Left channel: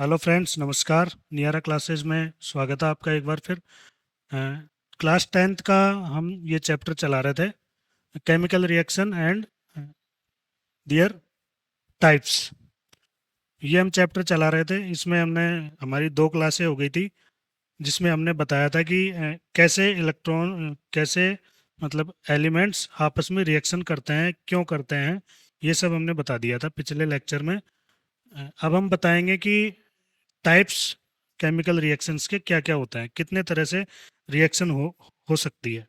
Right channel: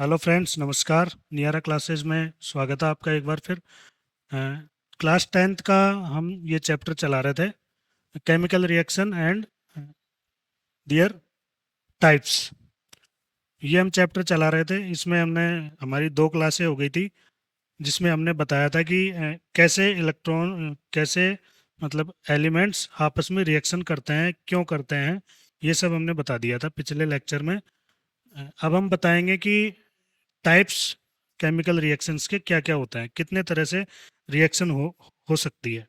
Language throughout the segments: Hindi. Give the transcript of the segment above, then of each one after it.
हेलो फ्रेंड्स, नमस्कार। नियारा क्लासेज में स्वागत है आपका एक बार फिर। क्लास टेंथ का हम ये चैप्टर चला रहे थे, chemical reaction and there types. ये हम चैप्टर चला रहे थे। इसमें हमने हमारी दो क्लासें हो गई थी, जिसमें हमने बताया था कि कैसे इलेक्ट्रॉन कैसे मतलब एलिमेंट्स आपस में रिएक्शन करते हैं, क्यों करते हैं, ये सब हमने बता दिया था पिछले लेक्चर में। अब हम बताएंगे कि टाइप्स केमिकल रिएक्शंस के क्या क्या होता है, कितने तरह से रिएक्शन हो सकती है।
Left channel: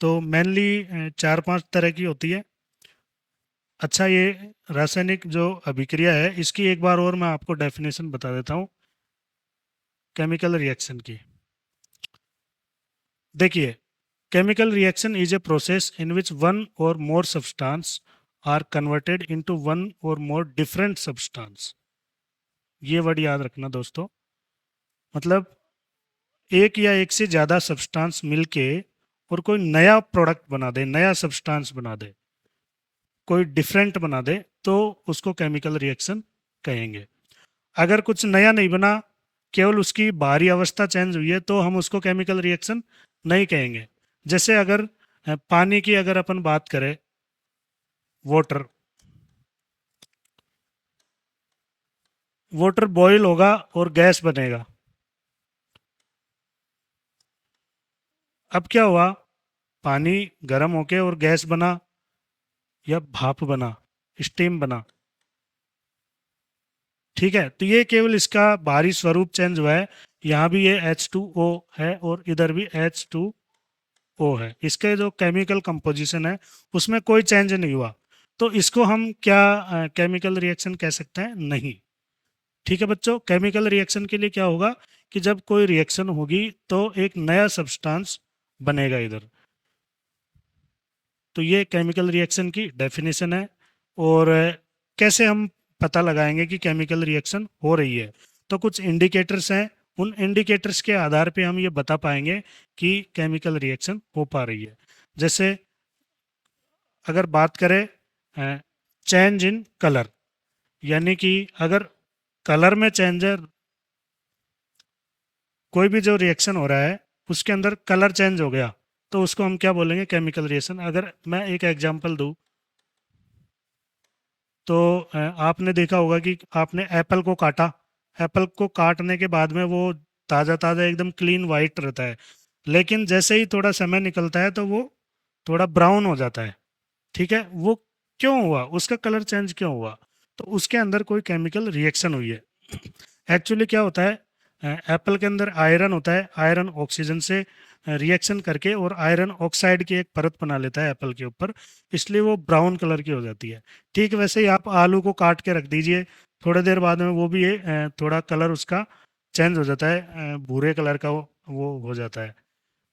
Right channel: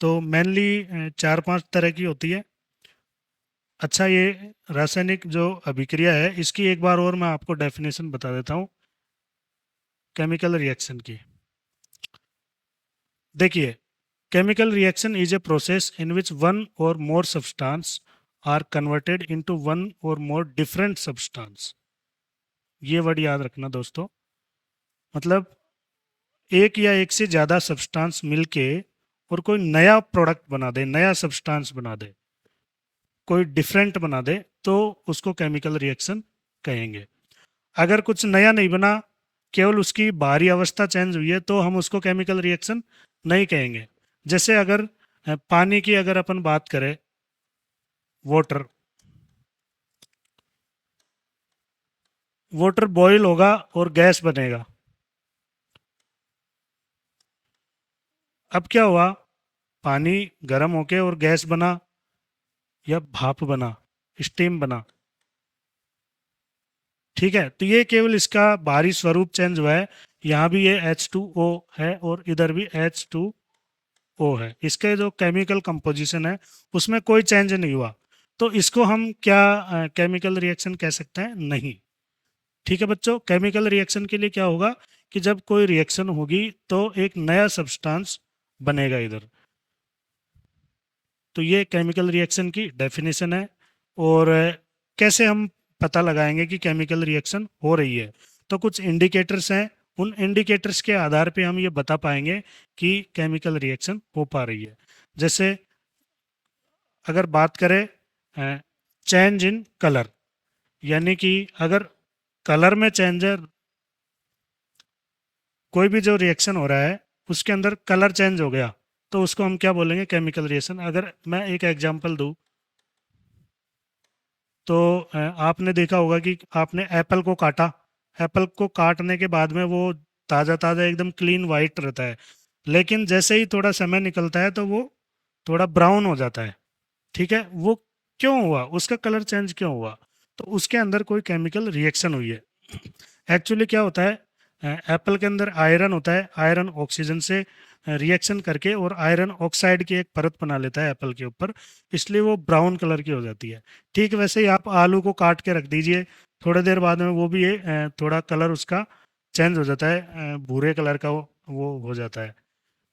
तो मेनली चार पांच तरह की होती है। अच्छा, ये रासायनिक जो अभिक्रिया है, इसकी एक बार और मैं आपको डेफिनेशन बता देता हूँ केमिकल रिएक्शन की। देखिए, chemical reaction is a process in which one or more substance are converted into one or more different substance. ये वर्ड याद रखना दोस्तों। मतलब एक या एक से ज्यादा सब्सटेंस मिलके और कोई नया प्रोडक्ट बना दे, नया सब्सटेंस बना दे, कोई डिफरेंट बना दे, तो उसको केमिकल रिएक्शन कहेंगे। अगर कुछ नया नहीं बना, केवल उसकी बाहरी अवस्था चेंज हुई है, तो हम उसको केमिकल रिएक्शन नहीं कहेंगे। जैसे अगर पानी की अगर अपन बात करें, वाटर वाटर बॉईल होगा और गैस बनेगा। अब क्या हुआ, पानी गर्म होके और गैस बना या भाप बना, स्टीम बना। ठीक है, तो ये केवल इसका बाहरी स्वरूप चेंज हुआ है। यहाँ भी ये H2O है और इधर भी H2O है। इसके जो केमिकल कंपोजिशन है, उसमें कोई चेंज नहीं हुआ। तो इसको हम क्या केमिकल रिएक्शन कह सकते हैं? नहीं। ठीक है बच्चों, केमिकल रिएक्शन के लिए क्या होगा कि जब कोई रिएक्शन होगी तो एक नया सब्सटेंस बनेगा इधर। तो ये केमिकल रिएक्शन की डेफिनेशन है। और कैसे हम पता लगाएंगे कि केमिकल रिएक्शन हो रही है? तो कुछ इंडिकेटर्स हैं, उन इंडिकेटर्स के आधार पे हम ये बता पाएंगे कि केमिकल रिएक्शन हो पा रही है। जैसे अगर बात करें चेंज इन कलर, यानी कि अगर कलर में चेंज है, कोई भी जो रिएक्शन हो रहा है उसके अंदर कलर चेंज हो गया, तो उसको हम क्या बोलेंगे? Chemical reaction. अगर मैं एक एग्जांपल दूं, तो आपने देखा होगा कि आपने एप्पल को काटा। एप्पल को काटने के बाद में वो ताज़ा ताज़ा एकदम क्लीन वाइट रहता है, लेकिन जैसे ही थोड़ा समय निकलता है तो वो थोड़ा ब्राउन हो जाता है। ठीक है, वो क्यों हुआ? उसका कलर चेंज क्यों हुआ? तो उसके अंदर कोई केमिकल रिएक्शन हुई है। एक्चुअली क्या होता है, एप्पल के अंदर आयरन होता है। आयरन ऑक्सीजन से रिएक्शन करके और आयरन ऑक्साइड की एक परत बना लेता है एप्पल के ऊपर, इसलिए वो ब्राउन कलर की हो जाती है। ठीक वैसे ही आप आलू को काट के रख दीजिए, थोड़ी देर बाद में वो भी थोड़ा कलर उसका चेंज हो जाता है, भूरे कलर का वो हो जाता है।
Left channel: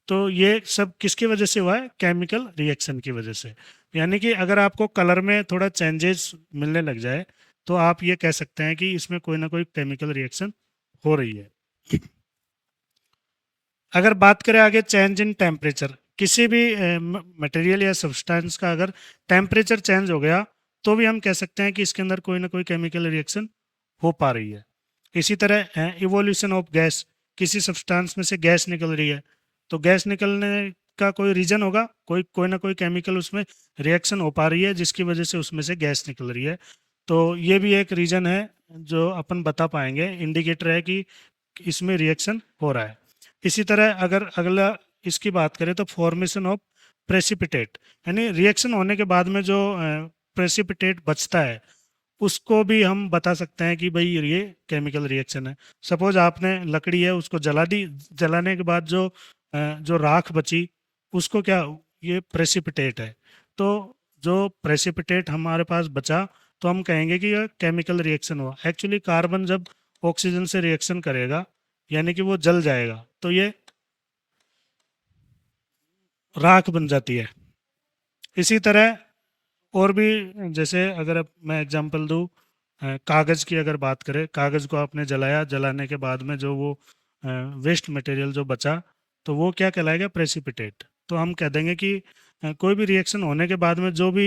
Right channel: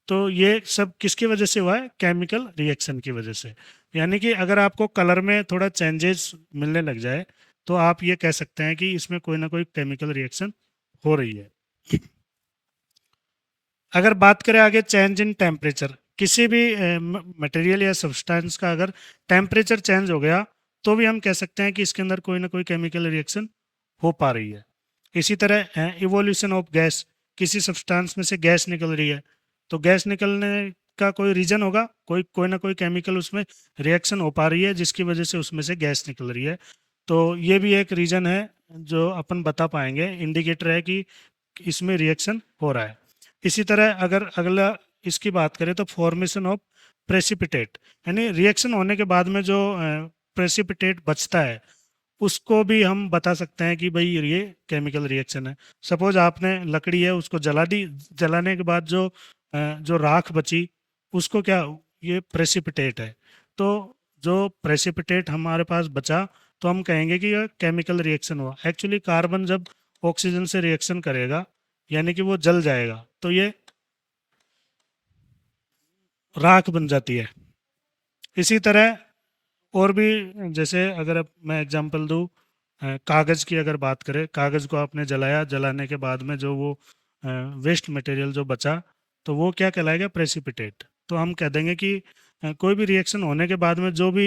तो ये सब किसकी वजह से हुआ है? केमिकल रिएक्शन की वजह से। यानी कि अगर आपको कलर में थोड़ा चेंजेस मिलने लग जाए, तो आप ये कह सकते हैं कि इसमें कोई ना कोई केमिकल रिएक्शन हो रही है। अगर बात करें आगे चेंज इन टेम्परेचर, किसी भी मटेरियल या सब्सटेंस का अगर टेम्परेचर चेंज हो गया, तो भी हम कह सकते हैं कि इसके अंदर कोई ना कोई केमिकल रिएक्शन हो पा रही है। इसी तरह इवोल्यूशन ऑफ गैस, किसी सब्सटेंस में से गैस निकल रही है, तो गैस निकलने का कोई रीजन होगा, कोई कोई ना कोई केमिकल उसमें रिएक्शन हो पा रही है जिसकी वजह से उसमें से गैस निकल रही है। तो ये भी एक रीजन है जो अपन बता पाएंगे, इंडिकेटर है कि इसमें रिएक्शन हो रहा है। इसी तरह अगर अगला इसकी बात करें, तो फॉर्मेशन ऑफ प्रेसिपिटेट, यानी रिएक्शन होने के बाद में जो प्रेसिपिटेट बचता है, उसको भी हम बता सकते हैं कि भाई ये केमिकल रिएक्शन है। सपोज आपने लकड़ी है उसको जला दी, जलाने के बाद जो राख बची, उसको क्या, ये प्रेसिपिटेट है। तो जो प्रेसिपिटेट हमारे पास बचा, तो हम कहेंगे कि यह केमिकल रिएक्शन हुआ। एक्चुअली कार्बन जब ऑक्सीजन से रिएक्शन करेगा, यानी कि वो जल जाएगा, तो ये राख बन जाती है। इसी तरह और भी, जैसे अगर अब मैं एग्जांपल दूं, कागज़ की अगर बात करें, कागज़ को आपने जलाया, जलाने के बाद में जो वो वेस्ट मटेरियल जो बचा, तो वो क्या कहलाएगा? प्रेसिपिटेट। तो हम कह देंगे कि कोई भी रिएक्शन होने के बाद में जो भी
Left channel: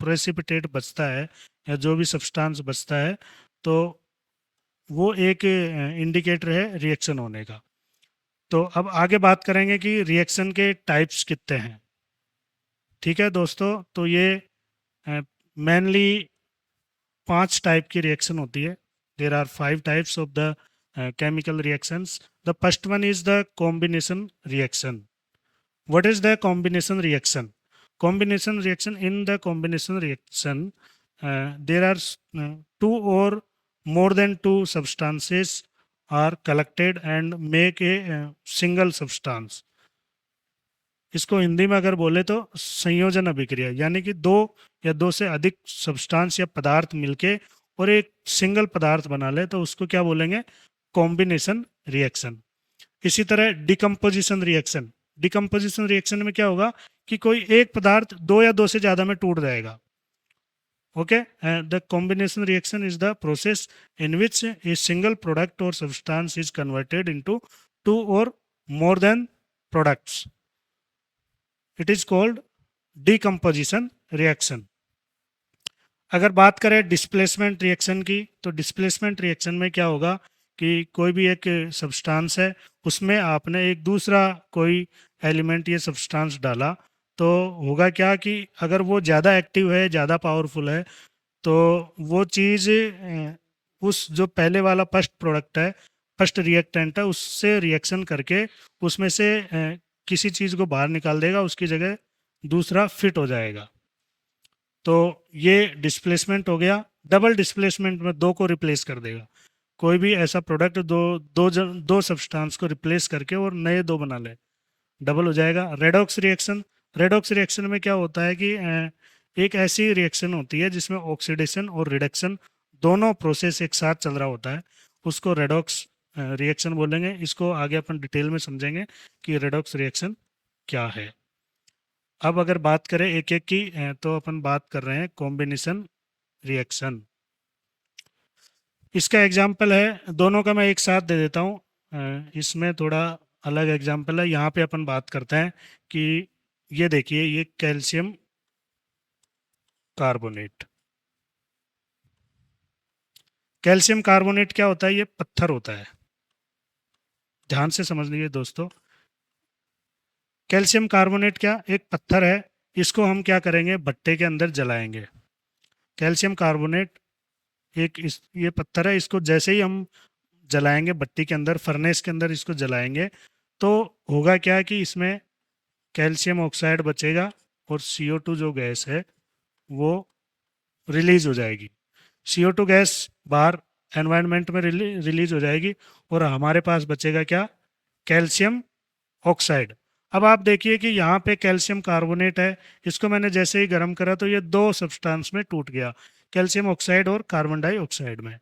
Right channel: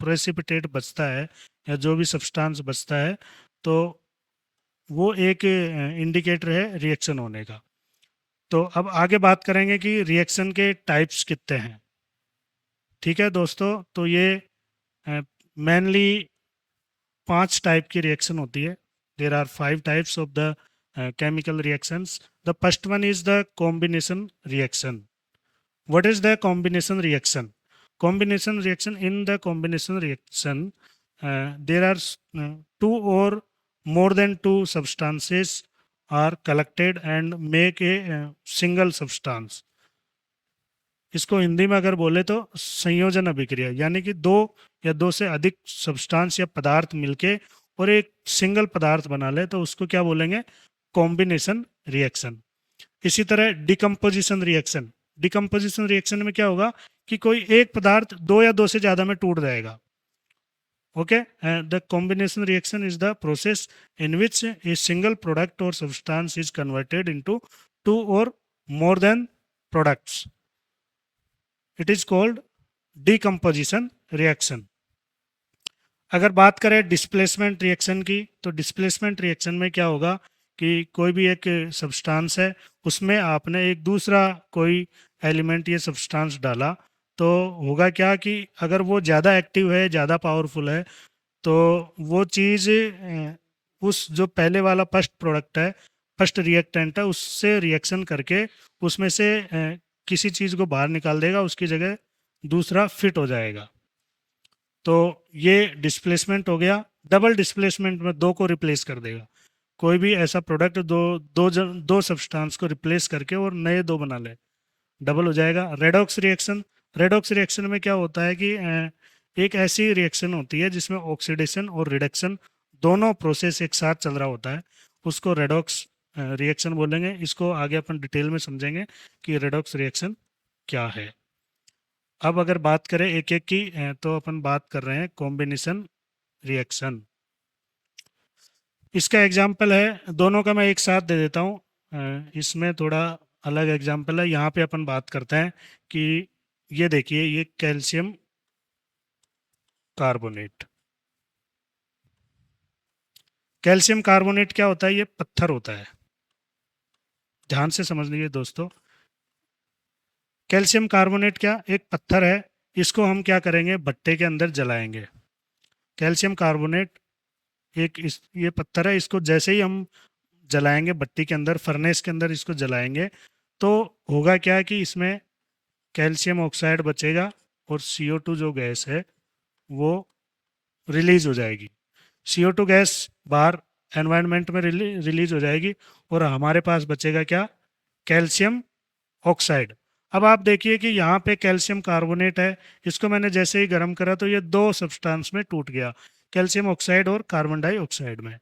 प्रेसिपिटेट बचता है या जो भी सब्सटेंस बचता है, तो वो एक इंडिकेटर है रिएक्शन होने का। तो अब आगे बात करेंगे कि रिएक्शन के टाइप्स कितने हैं। ठीक है दोस्तों, तो ये मेनली 5 टाइप की रिएक्शन होती है। There are 5 types of the chemical reactions. The first one is the combination reaction. What is the combination reaction? Combination reaction, in the combination reaction, there are two or more than two substances are collected and make a single substance. इसको हिंदी में अगर बोले तो संयोजन अभिक्रिया, यानी कि दो या दो से अधिक सब्सटेंस या पदार्थ मिलके और एक सिंगल पदार्थ बना ले तो उसको क्या बोलेंगे? Combination reaction. इसी तरह डिकम्पोजिशन रिएक्शन। डिकम्पोजिशन रिएक्शन में क्या होगा कि कोई एक पदार्थ दो या दो से ज्यादा में टूट जाएगा। Okay, the combination reaction is the process in which a single product or substance is converted into two or more than products. It is called decomposition reaction. अगर बात करें डिस्प्लेसमेंट रिएक्शन की, तो डिस्प्लेसमेंट रिएक्शन में क्या होगा कि कोई भी एक सब्सटेंस है, उसमें आपने एक दूसरा कोई एलिमेंट या सब्सटेंस डाला, तो होगा क्या कि अगर वो ज़्यादा एक्टिव है, ज़्यादा पावरफुल है, तो वो चीज़ उस जो पहले वाला फर्स्ट प्रोडक्ट है, फर्स्ट रिएक्टेंट है, उससे रिएक्शन करके उसमें से किसी चीज़ को बाहर निकाल देगा, उसकी जगह दूसरा फिट हो जाएगा। तो ये डिस्प्लेसमेंट हो गया। डबल डिस्प्लेसमेंट में दो को रिप्लेस कर देगा। कोई भी ऐसा प्रोडक्ट दो सब्सटेंस को रिप्लेस करके और नए दो बना ले, डबल हो जाएगा। Redox reaction. रेडॉक्स रिएक्शन में क्या होता है कि एक ऐसी रिएक्शन होती है जिसमें ऑक्सीडेशन और रिडक्शन दोनों प्रोसेस एक साथ चल रहा होता है, उसको रेडॉक्स रिएक्शन बोलेंगे। इसको आगे अपन डिटेल में समझेंगे कि रेडॉक्स रिएक्शन क्या है। अब अगर बात करें एक एक की, तो अपन बात कर रहे हैं कॉम्बिनेशन रिएक्शन। इसका एग्जाम्पल है, दोनों का मैं एक साथ दे देता हूँ। इसमें थोड़ा अलग एग्जाम्पल है। यहाँ पे अपन बात करते हैं कि ये देखिए, ये कैल्शियम कार्बोनेट। कैल्शियम कार्बोनेट क्या होता है? ये पत्थर होता है। ध्यान से समझ लीजिए दोस्तों, कैल्शियम कार्बोनेट क्या एक पत्थर है। इसको हम क्या करेंगे? भट्टे के अंदर जलाएंगे। कैल्शियम कार्बोनेट ये पत्थर है, इसको जैसे ही हम जलाएंगे भट्टी के अंदर, फर्नेस के अंदर इसको जलाएंगे, तो होगा क्या कि इसमें कैल्शियम ऑक्साइड बचेगा और CO2 जो गैस है वो रिलीज हो जाएगी। CO2 गैस बाहर एनवायरनमेंट में रिलीज हो जाएगी और हमारे पास बचेगा क्या? Calcium oxide. अब आप देखिए कि यहाँ पे कैल्शियम कार्बोनेट है, इसको मैंने जैसे ही गर्म करा तो ये दो सब्सटेंस में टूट गया, कैल्शियम ऑक्साइड और कार्बन डाइऑक्साइड में।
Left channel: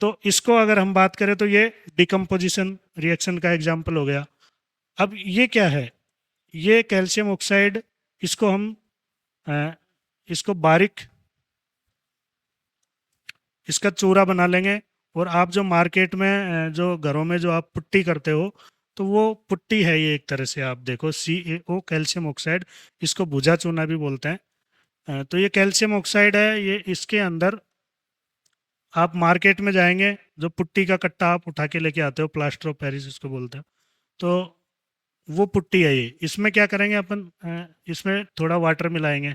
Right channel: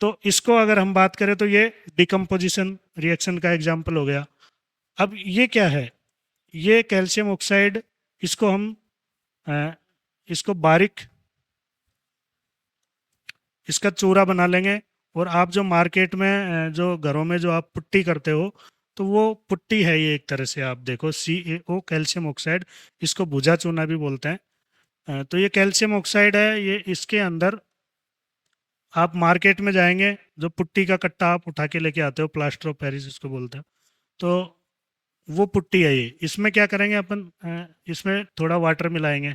तो इसको अगर हम बात करें तो ये डिकम्पोजिशन रिएक्शन का एग्जाम्पल हो गया। अब ये क्या है? ये कैल्शियम ऑक्साइड, इसको हम अ, इसको बारीक इसका चूरा बना लेंगे। और आप जो मार्केट में जो घरों में जो आप पुट्टी करते हो, तो वो पुट्टी है ये एक तरह से। आप देखो CaO कैल्शियम ऑक्साइड, इसको भुजा चूना भी बोलते हैं। तो ये कैल्शियम ऑक्साइड है, ये इसके अंदर आप मार्केट में जाएंगे, जो पुट्टी का कट्टा आप उठा के लेके आते हो, प्लास्टर ऑफ पेरिस इसको बोलते हैं, तो वो पुट्टी है ये। इसमें क्या करेंगे अपन? इसमें थोड़ा वाटर मिलाएंगे,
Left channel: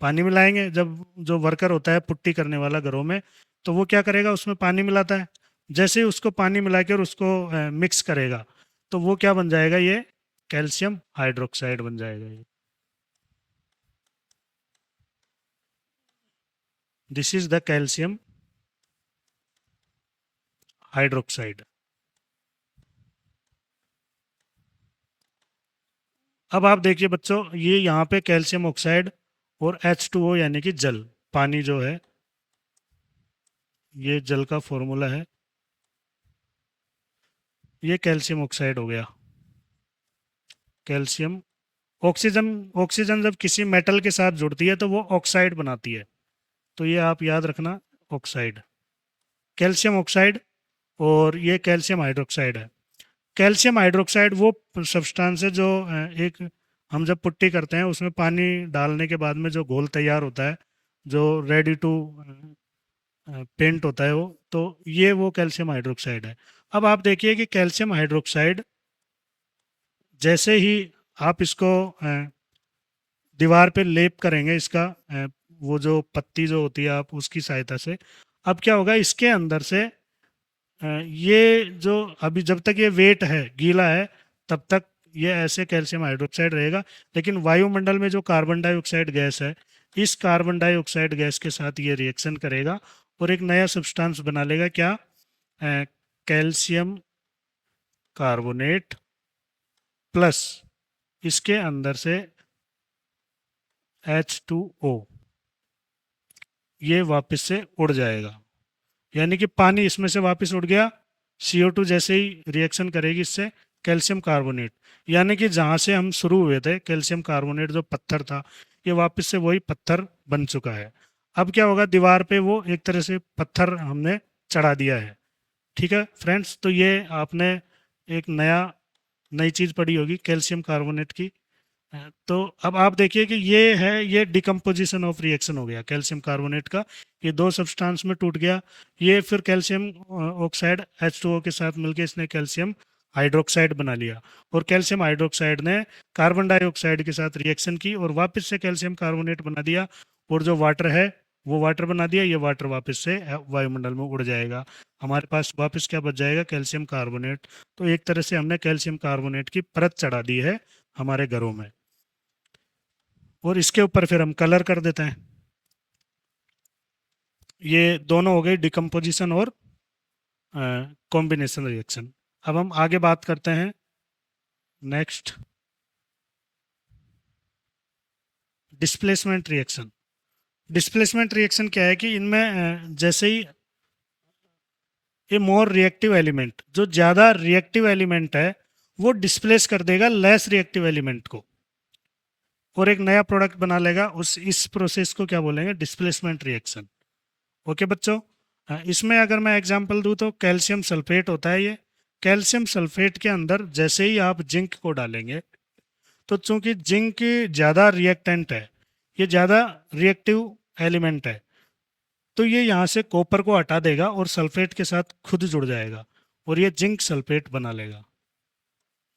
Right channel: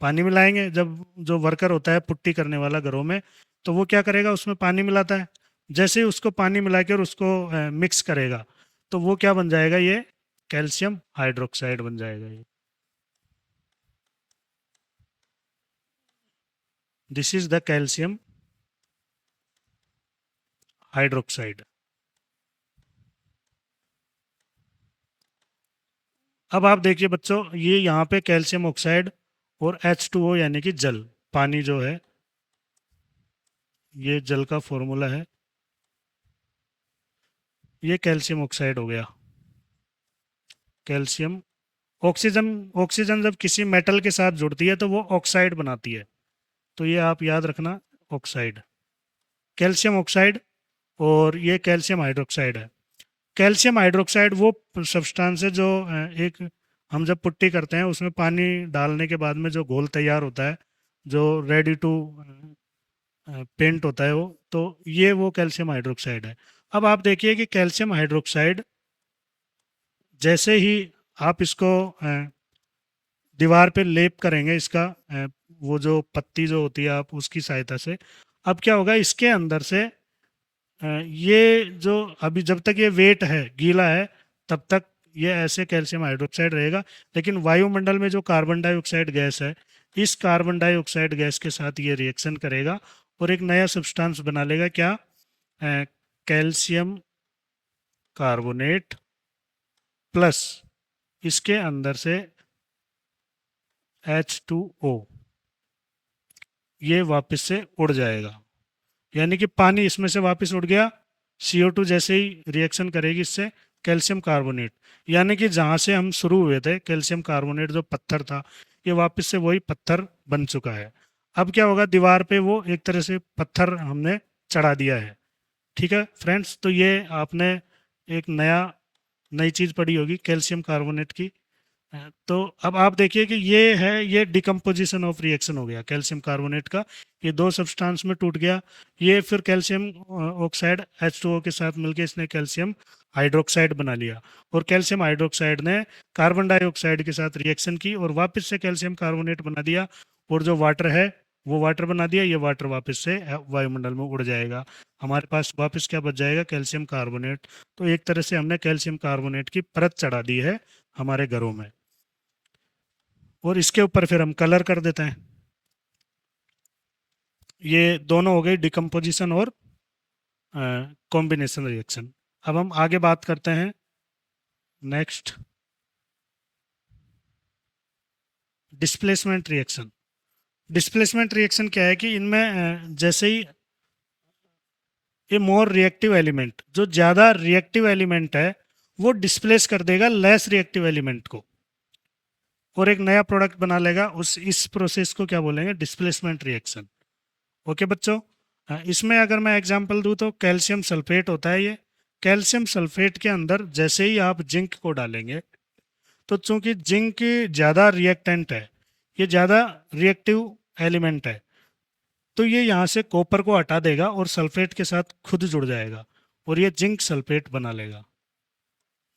पानी मिलाएंगे। जब जो वर्कर होता है पुट्टी करने वाला घरों में, तो वो क्या करेगा? उसमें पानी मिलाता है। जैसे ही उसको पानी मिलाकर उसको मिक्स करेगा, तो वो क्या बन जाएगा? ये कैल्शियम हाइड्रोक्साइड बन जाएगा। ये this is the calcium hydroxide. अब आप देखिए बच्चों, ये यहाँ पे कैल्शियम ऑक्साइड और H2O यानी कि जल, पानी जो है, ये जल का फॉर्मूला है। ये कैल्शियम ऑक्साइड हो गया। कैल्शियम ऑक्सीजन ऑक्सीजन जब किसी मेटल के साथ जुड़ती है तो वो ऑक्साइड बनाती है, तो ये आप याद रखना, ऑक्साइड, कैल्शियम ऑक्साइड। और ये कैल्शियम हाइड्रोक्साइड है। कैल्शियम हाइड्रोक्साइड वो सब्सटेंस है जो एक हम जब पुट्टी करते हैं उसमें पानी डालने के बाद में जो घोल तैयार होता है, जो रेडी टू पेंट होता है वो, तो ये वो कैल्शियम हाइड्रोक्साइड है। अब आप देखिए कि कैल्शियम हाइड्रोक्साइड जैसे ही आप इसको दीवार पे लेप करेंगे, इसका वो जो पत्ती जो होती है आप उसकी सहायता से, अब क्या होगा इसके अंदर से ये जो अभी जब तक ये वेट है गीला है तब तक ये ऐसे कैल्शियम हाइड्रोक्साइड रहेगा, लेकिन वायुमंडल में जो कार्बन डाइऑक्साइड गैस है, इस कार्बन डाइऑक्साइड गैस के साथ ये रिएक्शन करेगा और एक नया सब्सटेंस बना लेगा, क्या, कैल्शियम कार्बोनेट प्लस इसके अंदर से H2O, ये वापस से उड़ जाएगा, यानी कि पानी इसमें से वापस उड़ गया। CO2 जैसे ही रिएक्शन करेगी इससे कैल्शियम कार्बोनेट, यानी कि जहाँ से हम शुरू हुए थे कैल्शियम कार्बोनेट जो पत्थर था, ये वापस से वही पत्थर बन चुका है। अब क्या होगा, दीवार पे वो एक तरह से पत्थर हमने चढ़ा दिया है। ठीक है फ्रेंड्स, तो ये आपने एक नई चीज़ पढ़ी होगी कैल्शियम कार्बोनेट की। तो अब आप देखिए कि ये डिकम्पोजिशन ऑफ रिएक्शन हो गया कैल्शियम कार्बोनेट का, ये दो सब्सटेंस में टूट गया। ये फिर कैल्शियम ऑक्साइड H2O के साथ मिलकर इसने कैल्शियम हाइड्रोक्साइड बना लिया, और कैल्शियम हाइड्रोक्साइड ने कार्बन डाइऑक्साइड के साथ रिएक्शन की और वापस से कैल्शियम कार्बोनेट बना दिया, और जो वाटर है वो वाटर बना दिया, ये वाटर वापस से वायुमंडल में उड़ जाएगा। हमारे पास वापस क्या बच जाएगा, कैल्शियम कार्बोनेट। तो एक तरह से हमने कैल्शियम कार्बोनेट की परत चढ़ा दी है हमारे घरों में, और इसके ऊपर फिर हम कलर कर देते हैं। ये दोनों हो गई डिकम्पोजिशन और कॉम्बिनेशन रिएक्शन। अब हम आगे बात करते हैं next, displacement reaction. Displacement reaction क्या है कि इनमें जैसे ही ये मोर रिएक्टिव एलिमेंट, जो ज्यादा रिएक्टिव एलिमेंट है वो डिस्प्लेस कर देगा लेस रिएक्टिव एलिमेंट को, और एक नया प्रोडक्ट बना लेगा। उस इस प्रोसेस को क्या बोलेंगे, डिस्प्लेसमेंट रिएक्शन। ओके बच्चों, इसमें अगर मैं एग्जांपल दूं तो कैल्शियम सल्फेट होता है ये। कैल्शियम सल्फेट के अंदर जैसे ही आप जिंक को डालेंगे, तो चूंकि जिंक की ज्यादा रिएक्टेंट है, ये ज्यादा रिएक्टिव एलिमेंट है, तो ये यहाँ से कॉपर को हटा देगा और सल्फेट के साथ खुद जुड़ जाएगा, और ये जिंक सल्फेट बना लेगा,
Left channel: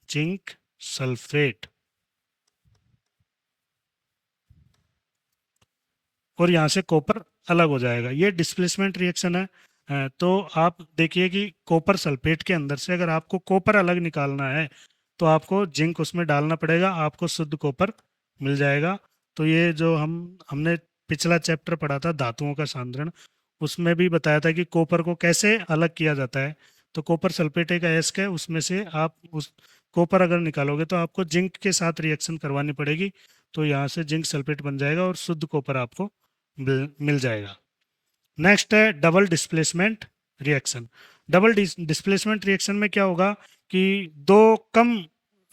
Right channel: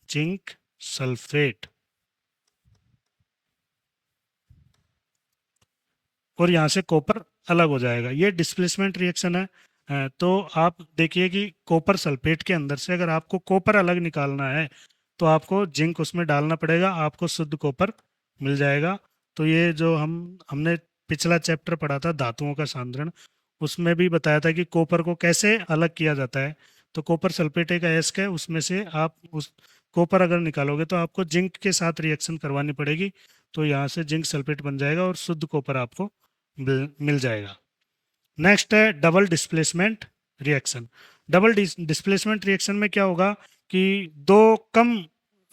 जिंक सल्फेट, और यहाँ से कॉपर अलग हो जाएगा। ये डिस्प्लेसमेंट रिएक्शन है। तो आप देखिए कि कॉपर सल्फेट के अंदर से अगर आपको कॉपर अलग निकालना है तो आपको जिंक उसमें डालना पड़ेगा, आपको शुद्ध कॉपर मिल जाएगा। तो ये जो हमने पिछला चैप्टर पढ़ा था धातुओं का सांद्रण, उसमें भी बताया था कि कॉपर को कैसे अलग किया जाता है। तो कॉपर सल्फेट एक अयस्क है, उसमें से आप उस कॉपर अगर निकालोगे तो आपको जिंक के साथ रिएक्शन करवानी पड़ेगी, तो यहाँ से जिंक सल्फेट बन जाएगा और शुद्ध कॉपर आपको मिल जाएगा। नेक्स्ट है double displacement reaction. Double displacement reaction में क्या होगा कि दो कम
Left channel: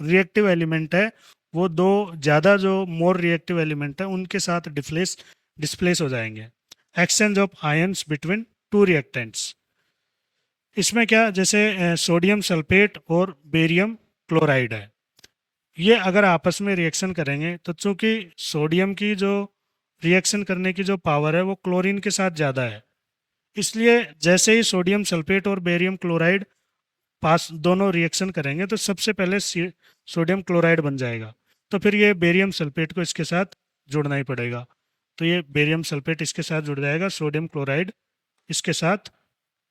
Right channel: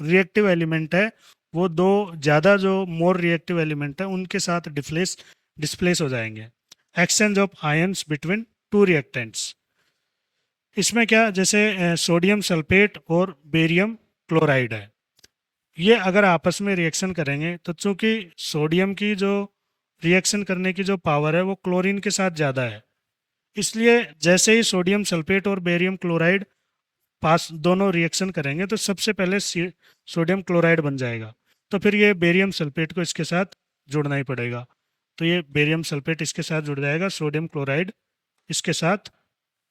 रिएक्टिव एलिमेंट है, वो दो ज़्यादा जो मोर रिएक्टिव एलिमेंट है उनके साथ डिस्प्लेस हो जाएंगे। Exchange of ions between two reactants. इसमें क्या, जैसे सोडियम सल्फेट और बेरियम क्लोराइड है, ये अगर आपस में रिएक्शन करेंगे तो चूंकि सोडियम की जो रिएक्शन करने की जो पावर है वो क्लोरीन के साथ ज़्यादा है, इसलिए जैसे ही सोडियम सल्फेट और बेरियम क्लोराइड पास दोनों रिएक्शन करेंगे तो सबसे पहले सोडियम क्लोराइड बन जाएगा, तो फिर ये बेरियम सल्फेट को इसके साथ जुड़ना ही पड़ेगा। तो ये बेरियम सल्फेट इसके साथ जुड़ जाएगा, सोडियम क्लोराइड इसके साथ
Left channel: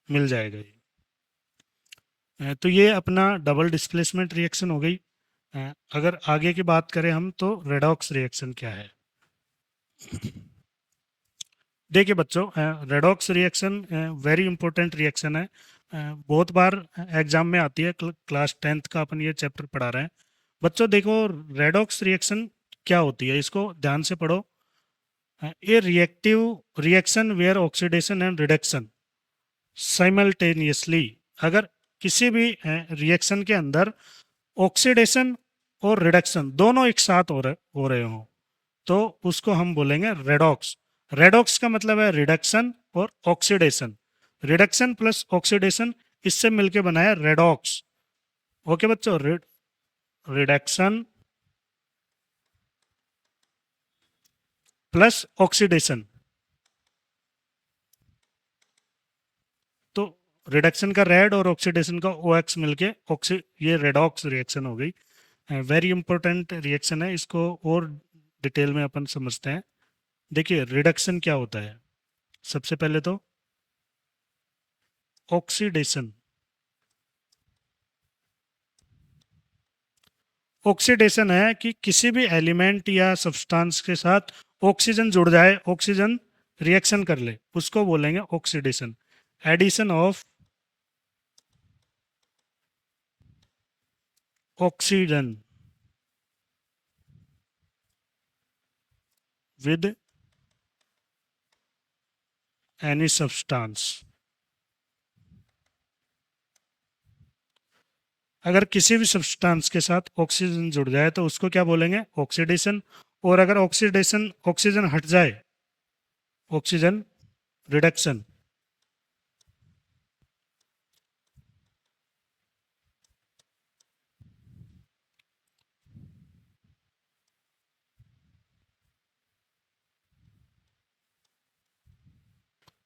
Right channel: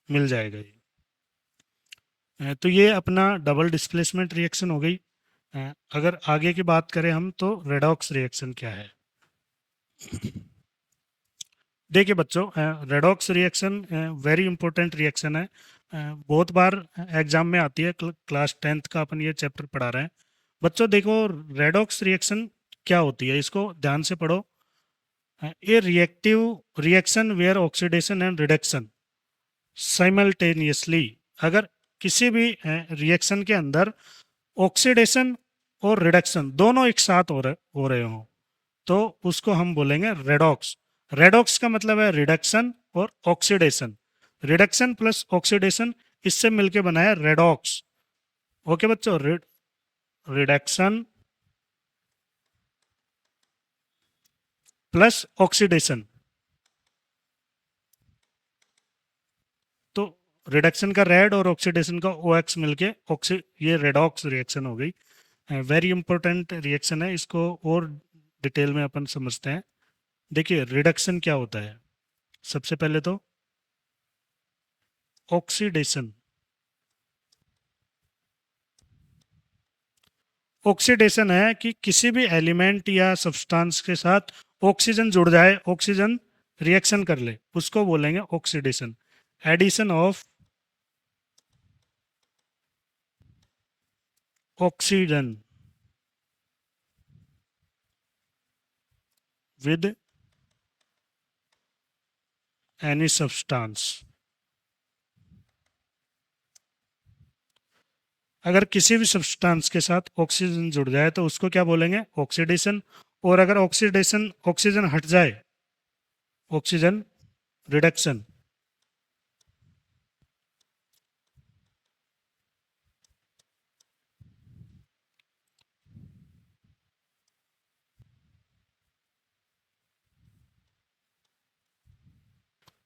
मिल जाएगा ये। तो ये अपना डबल डिस्प्लेसमेंट रिएक्शन हो गई। अगर आगे की बात करें हम तो रेडॉक्स रिएक्शन क्या है। देखिए बच्चों, redox reaction very important reaction है। बहुत बार एग्जाम में आती है, क्लास 10th का अपन ये चैप्टर पढ़ा रहे हैं। बच्चों देखो, रेडॉक्स रिएक्शन क्या होती है इसको ध्यान से पढ़ो। ये reactive reaction where oxidation and reduction simultaneously, अगर किसी भी रिएक्शन के अंदर ऑक्सीडेशन और रिडक्शन दोनों एक साथ हो रहे हो तो उसको हम बोलेंगे रेडॉक्स। रेडॉक्स का मतलब है रिडक्शन और ऑक्सीडेशन, रिडक्शन प्लस ऑक्सीडेशन, इससे मिलके बना है रेडॉक्स। ओके बच्चों, रिडक्शन प्लस ऑक्सीडेशन, रिडक्शन का रेड और ऑक्सीडेशन का OX मिलके ऑक्सी ये रेडॉक्स रिएक्शन हो गई। वेरी इंपॉर्टेंट रिएक्शन है, इसको और डिटेल में अपन समझते हैं। देखिए रिडक्शन क्या होता है, सबसे पहले तो ऑक्सीडेशन। ऑक्सीडेशन है कि किसी भी एलिमेंट या सब्सटेंस के साथ ऑक्सीजन जुड़ जाए, ऑक्सीजन रिएक्शन कर ले, उसको बोलेंगे oxidation. Addition of oxygen with any substance. अगर किसी भी सब्सटेंस के साथ ऑक्सीजन जुड़ जाए तो उसको क्या बोलेंगे, ऑक्सीडेशन। और अगर ऑक्सीडेशन ऑक्सीजन हट जाए, oxygen reduction.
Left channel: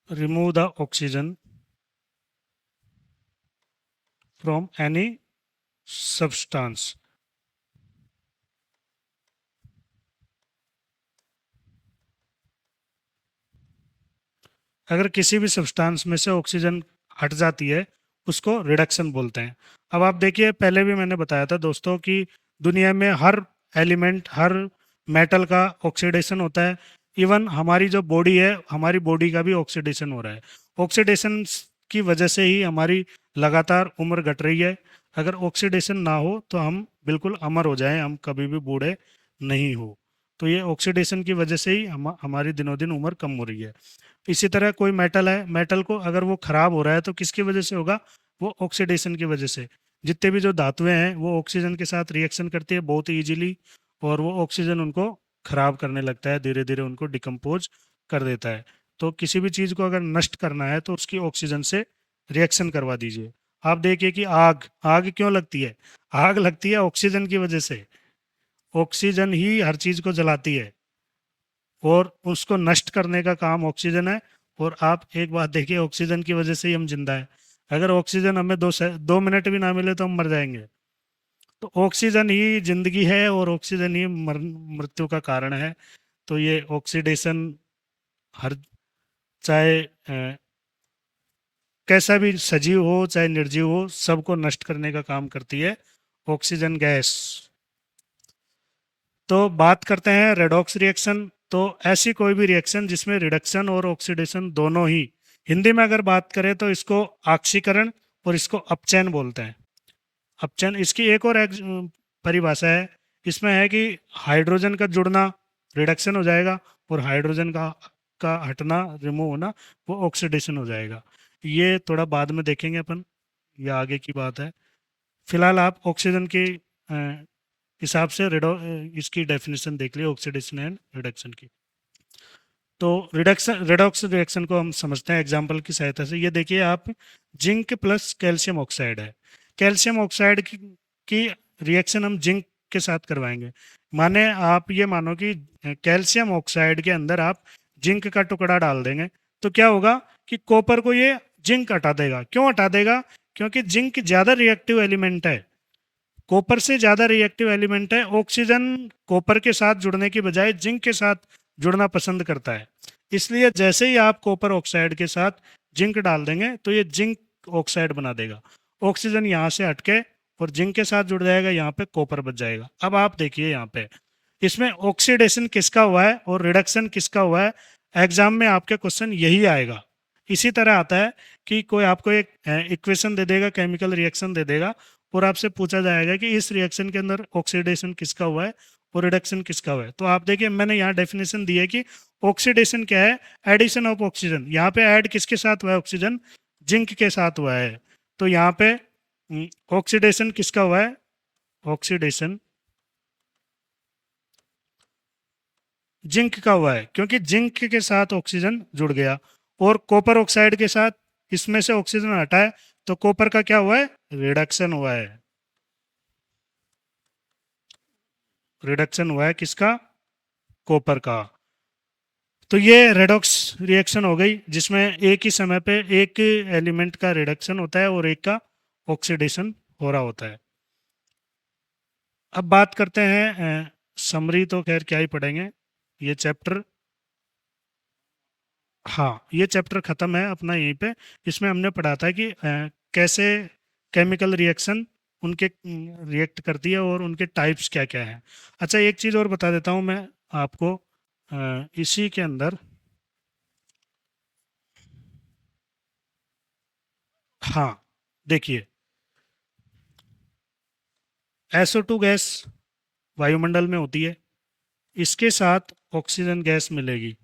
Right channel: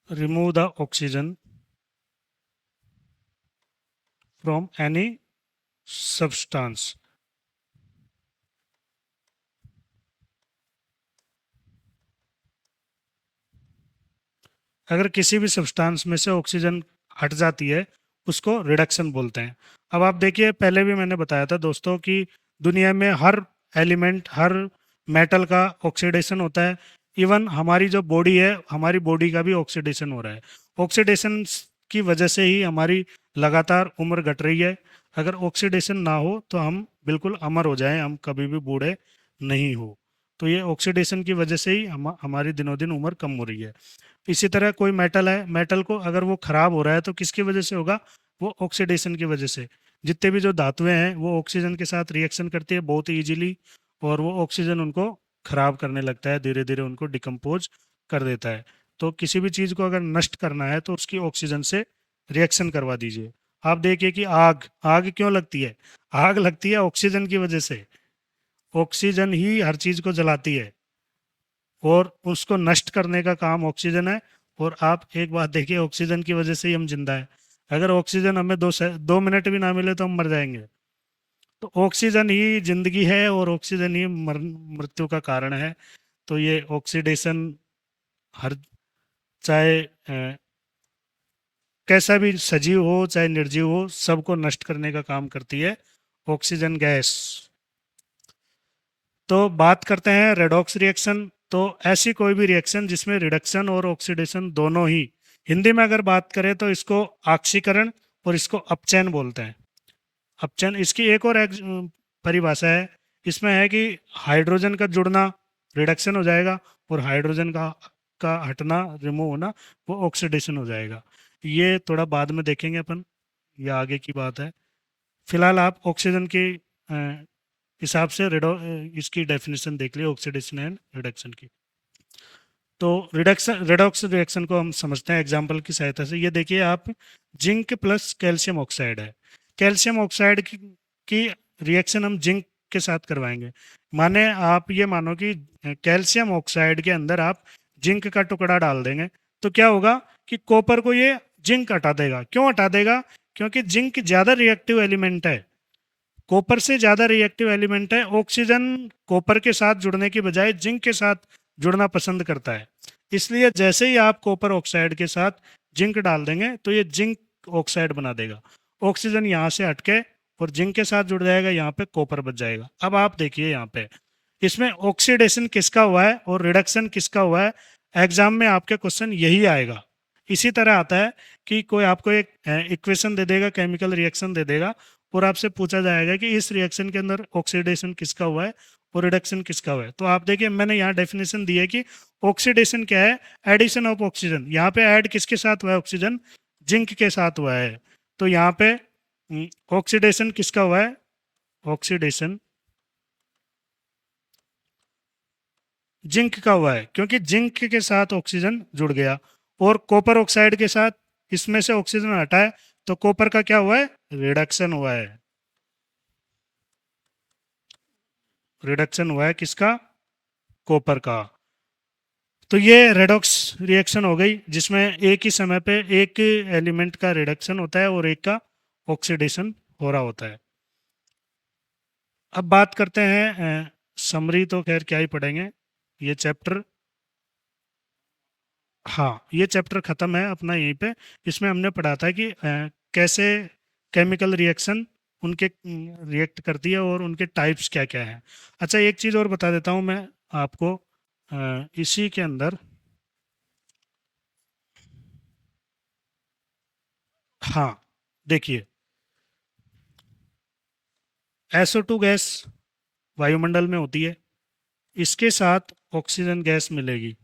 Remove the oxygen from any substance. अगर किसी भी सब्सटेंस में से ऑक्सीजन हट जाती है उसको रिडक्शन बोलते हैं। अब आप देखिए, पहले भी मैंने बताया था दोस्तों कि दुनिया में हर एलिमेंट, हर मेटल का ऑक्सीडेशन होता है। इवन हमारी जो बॉडी है, हमारी बॉडी का भी ऑक्सीडेशन हो रहा है। ऑक्सीडेशन की वजह से ही हमारी लगातार उम्र घट रही है। अगर ऑक्सीडेशन ना हो तो हम बिल्कुल अमर हो जाएं, हम कभी भी बूढ़े नहीं हो। तो ये ऑक्सीडेशन की वजह से ही हमारी दिनों दिन उम्र कम हो रही है। इसी तरह कोई मेटल है, मेटल को अगर वो खराब हो रहा है तो किसकी वजह से होगा, वो ऑक्सीडेशन की वजह से। जितने भी जो धातुएं हैं वो ऑक्सीजन के साथ रिएक्शन करती है बहुत इजीली, और वो ऑक्सीजन उनको खराब करने लगता है, धीरे धीरे उनको डिकम्पोज कर देता है। तो किसी भी चीज को अगर नष्ट करना है तो उसकी ऑक्सीजन से रिएक्शन करवा दीजिए। आप देखिए कि आग, आग क्यों लगती है, आग लगती है ऑक्सीजन की वजह से। ऑक्सीजन ही हर चीज को जलाती है और उसको नष्ट करने का काम ऑक्सीजन है। और आप एक बात देखिए, ऑक्सीजन की वजह से ही हम जिंदा है। अगर ऑक्सीजन हमें 2 मिनट भी ना मिले तो हम मर जाएंगे। तो ऑक्सीजन ही जिंदगी है और ऑक्सीजन ही मृत्यु का कारण है। तो ये ऑक्सीडेशन हर, चाहे कैसा भी सजीव हो चाहे निर्जीव हो, सबको नष्ट करने का काम करती है ऑक्सीजन गैस। तो बात करते हैं रेडॉक्स रिएक्शन। तो ऐसी कोई भी रिएक्शन जिसमें रिडक्शन और ऑक्सीडेशन दोनों ही, हिंदी में अगर बात करें तो इसको ऑक्सीकरण और इसको अपचयन बोलते हैं। अपचयन, इसकी एक और परिभाषा है। इसमें है कि हाइड्रोजन का जुड़ना रिडक्शन हो जाएगा और हाइड्रोजन का हटना, रिमूव होना, वो ऑक्सीडेशन हो जाएगा। ये थोड़ा बाद में देखेंगे अपन, ये आगे की बात है। फिलहाल आप ऑक्सीजन के हिसाब से इसकी डेफिनेशन देख लिया, ऑक्सीडेशन एंड रिडक्शन की। तो रिडक्शन रेडॉक्स रिएक्शन को हम समझते हैं एग्जांपल की सहायता से। ये देखिए आप, जिंक प्लस कैल्शियम ऑक्साइड है। कैल्शियम ऑक्साइड की रिएक्शन हम जिंक के साथ करवाएंगे। माने आप ये मानो कि कैल्शियम ऑक्साइड के अंदर आप जिंक का टुकड़ा डाल देंगे, तो क्या होगा कि कॉपर को ये जिंक हटा देगा। क्यों हटा देगा, क्योंकि जिंक ज्यादा रिएक्टिव एलिमेंट है, कॉपर से ज्यादा रिएक्टिव एलिमेंट है। ऑक्सीजन कॉपर के साथ जुड़ने की बजाय जिंक के साथ जुड़ना पसंद करता है। इसलिए जैसे ही आप कॉपर ऑक्साइड के साथ जिंक डाल देंगे तो ये जिंक ऑक्साइड बना देगा। ऑक्सीजन यहाँ से हटके और जिंक के साथ जुड़ जाएगा, यहाँ पे कॉपर बच जाएगा। अब आप देखिए यहाँ पे, इसमें ऑक्सीडेशन किसका हुआ है और रिडक्शन किसका हुआ है, एग्जाम में आपके क्वेश्चन यही आएगा। इसी तरह आता है कि कोई आपको एक इक्वेशन दे देगा, केमिकल रिएक्शन दे देगा, और आपसे पूछा जाएगा कि इस रिएक्शन के अंदर ऑक्सीडेशन किसका हुआ है और रिडक्शन किसका हुआ है। तो आप देखिए मैंने यहाँ डेफिनेशन दी है कि ऑक्सीडेशन क्या है, एडिशन ऑफ ऑक्सीजन। यहाँ पे ऐड किसके साथ हुआ है, ऑक्सीजन जिंक के साथ हुआ है। तो यहाँ पे ऑक्सीडेशन किसका हुआ है, ऑक्सीडेशन जिंक का हुआ है, क्योंकि जिंक के साथ ऑक्सीजन जुड़ गया। और कॉपर ऑक्साइड के साथ इसमें से ऑक्सीजन हटा है, तो कॉपर का क्या हुआ है, रिडक्शन हुआ है। रिडक्शन हुआ है किसका, कॉपर का। तो ये रेडॉक्स रिएक्शन हो गई जिसमें एक ही समय पे एक एलिमेंट का रिडक्शन होता है और एक का ऑक्सीडेशन हो रहा होता है। अब बात करते हैं समरी, तो खैर क्या ही पढ़ेंगे ये चैप्टर। हाँ, ये चैप्टर खत्म है अपना यहीं पे। इसमें हमने पढ़ा था कि कैसे केमिकल रिएक्शन उनके रिएक्ट करती है और उनके टाइप्स क्या क्या हैं। अच्छा, एक चीज़ और बता देता हूँ मैं आपको, इसी के अंदर, हाँ देखिए, SO2 गैस वायुमंडल में होती है, इसके साथ ऑक्सीजन गैस मिलेगी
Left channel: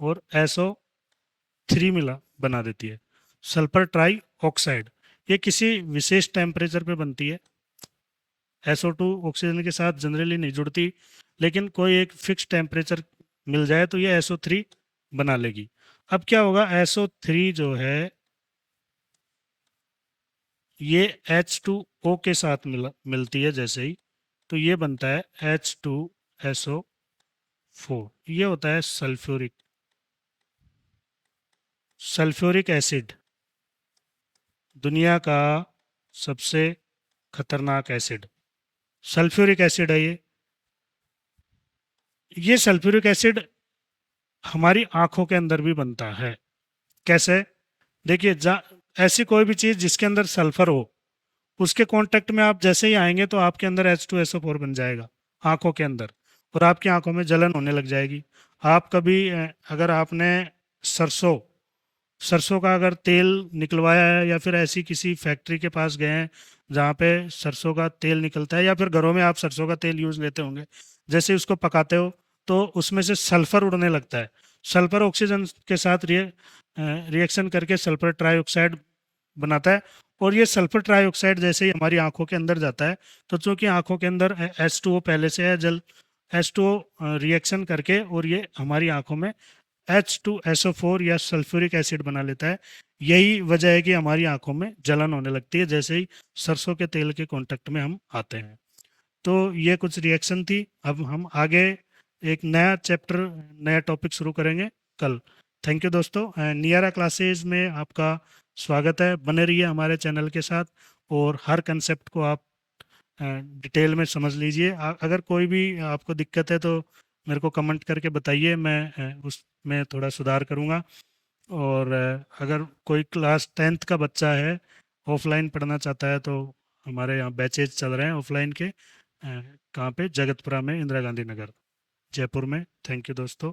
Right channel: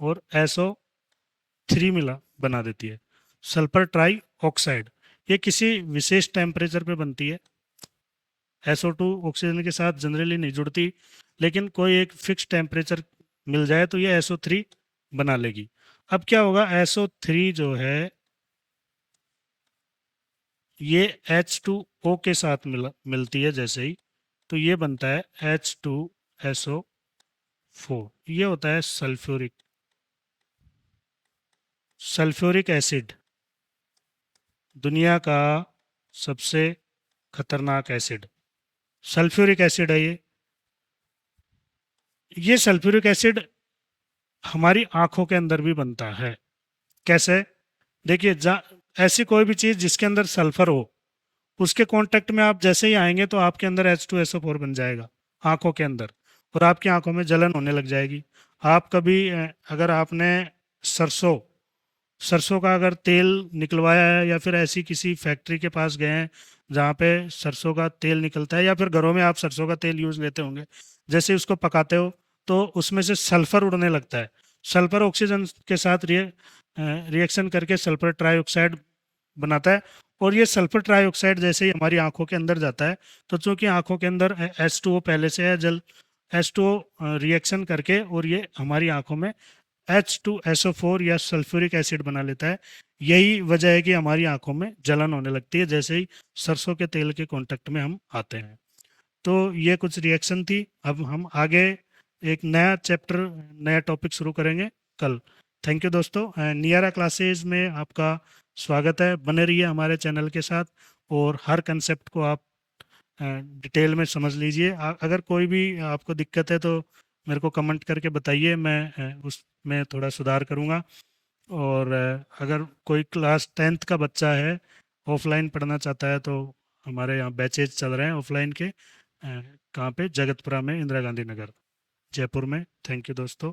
और SO3 मिला बना देती है, सल्फर ट्राई ऑक्साइड। ये किसी विशेष टेम्परेचर पे बनती है। SO2 ऑक्सीजन के साथ जनरली नहीं जुड़ती, लेकिन कोई एक फिक्स टेम्परेचर मिल जाए तो ये SO3 बना लेगी। अब क्या होगा, SO3 जो है ये H2O के साथ मिलती है जैसे ही, तो ये बनता है H2SO4। ये होता है सल्फ्यूरिक सल्फ्यूरिक एसिड, दुनिया का सबसे खतरनाक एसिड सल्फ्यूरिक एसिड है ये सल्फ्यूरिक एसिड हमारी आंखों के अंदर भी बनता है। कैसे? देखिए, ऐसी कोई भी चीज जिसके अंदर सल्फर हो, उसके कांटेक्ट में आप जैसे ही आएंगे तो आपके अंदर H2SO4 बन जाएगा आंखों के अंदर, और आपकी आंखों में जलन होने लग जाएगी। आप कभी अगर आपने सरसों सरसों का अगर तेल निकलवाया है, या फिर ऐसी किसी फैक्ट्री के पास गए हैं जहाँ पे सरसों का तेल निकलता है, या फिर घरों में आप सरसों का तेल यूज लेते होंगे, जैसे ही उसको पकाते हो तो उसमें से सल्फर उड़ने लगता है। सल्फर ऑक्सीजन के साथ रिएक्शन करके सल्फर ट्राईऑक्साइड बनाता है, और ये सल्फर ट्राईऑक्साइड जैसे ही हमारी आंखों के अंदर जाता है, तो चूंकि आंखों के अंदर H2O पहले से है, जल H2O रिएक्शन करके और ये हमारी आंखों में H2SO4 या सल्फ्यूरिक एसिड बना लेता है। यही वजह है कि हमारी आंखों में जलन होने लगती है जैसे ही सरसों के तेल के कांटेक्ट में हम आते हैं। तो ये कुछ रिएक्शन थी। अब हम आगे एक नया चैप्टर, नया टॉपिक शुरू करेंगे कल। थैंक यू दोस्तों, नियरा क्लासेस में आपका स्वागत है। बने रहिए हमारे चैनल के साथ और हर कंसेप्ट को आप डिटेल में समझ लीजिए। अगर कोई भी आपको दिक्कत है तो मेरे को कमेंट करके बताइए, मैं उसमें थोड़ा सुधार करूँगा। और अगर कोई क्लास 10th का बच्चा है, ऑफलाइन पढ़ना चाहता है, तो हमारे यहाँ बैचेज चल रहे हैं ऑफलाइन के। कहाँ पे? जगतपुरा में, इंदिरा गांधी नगर, जयपुर में। थैंक यू दोस्तों।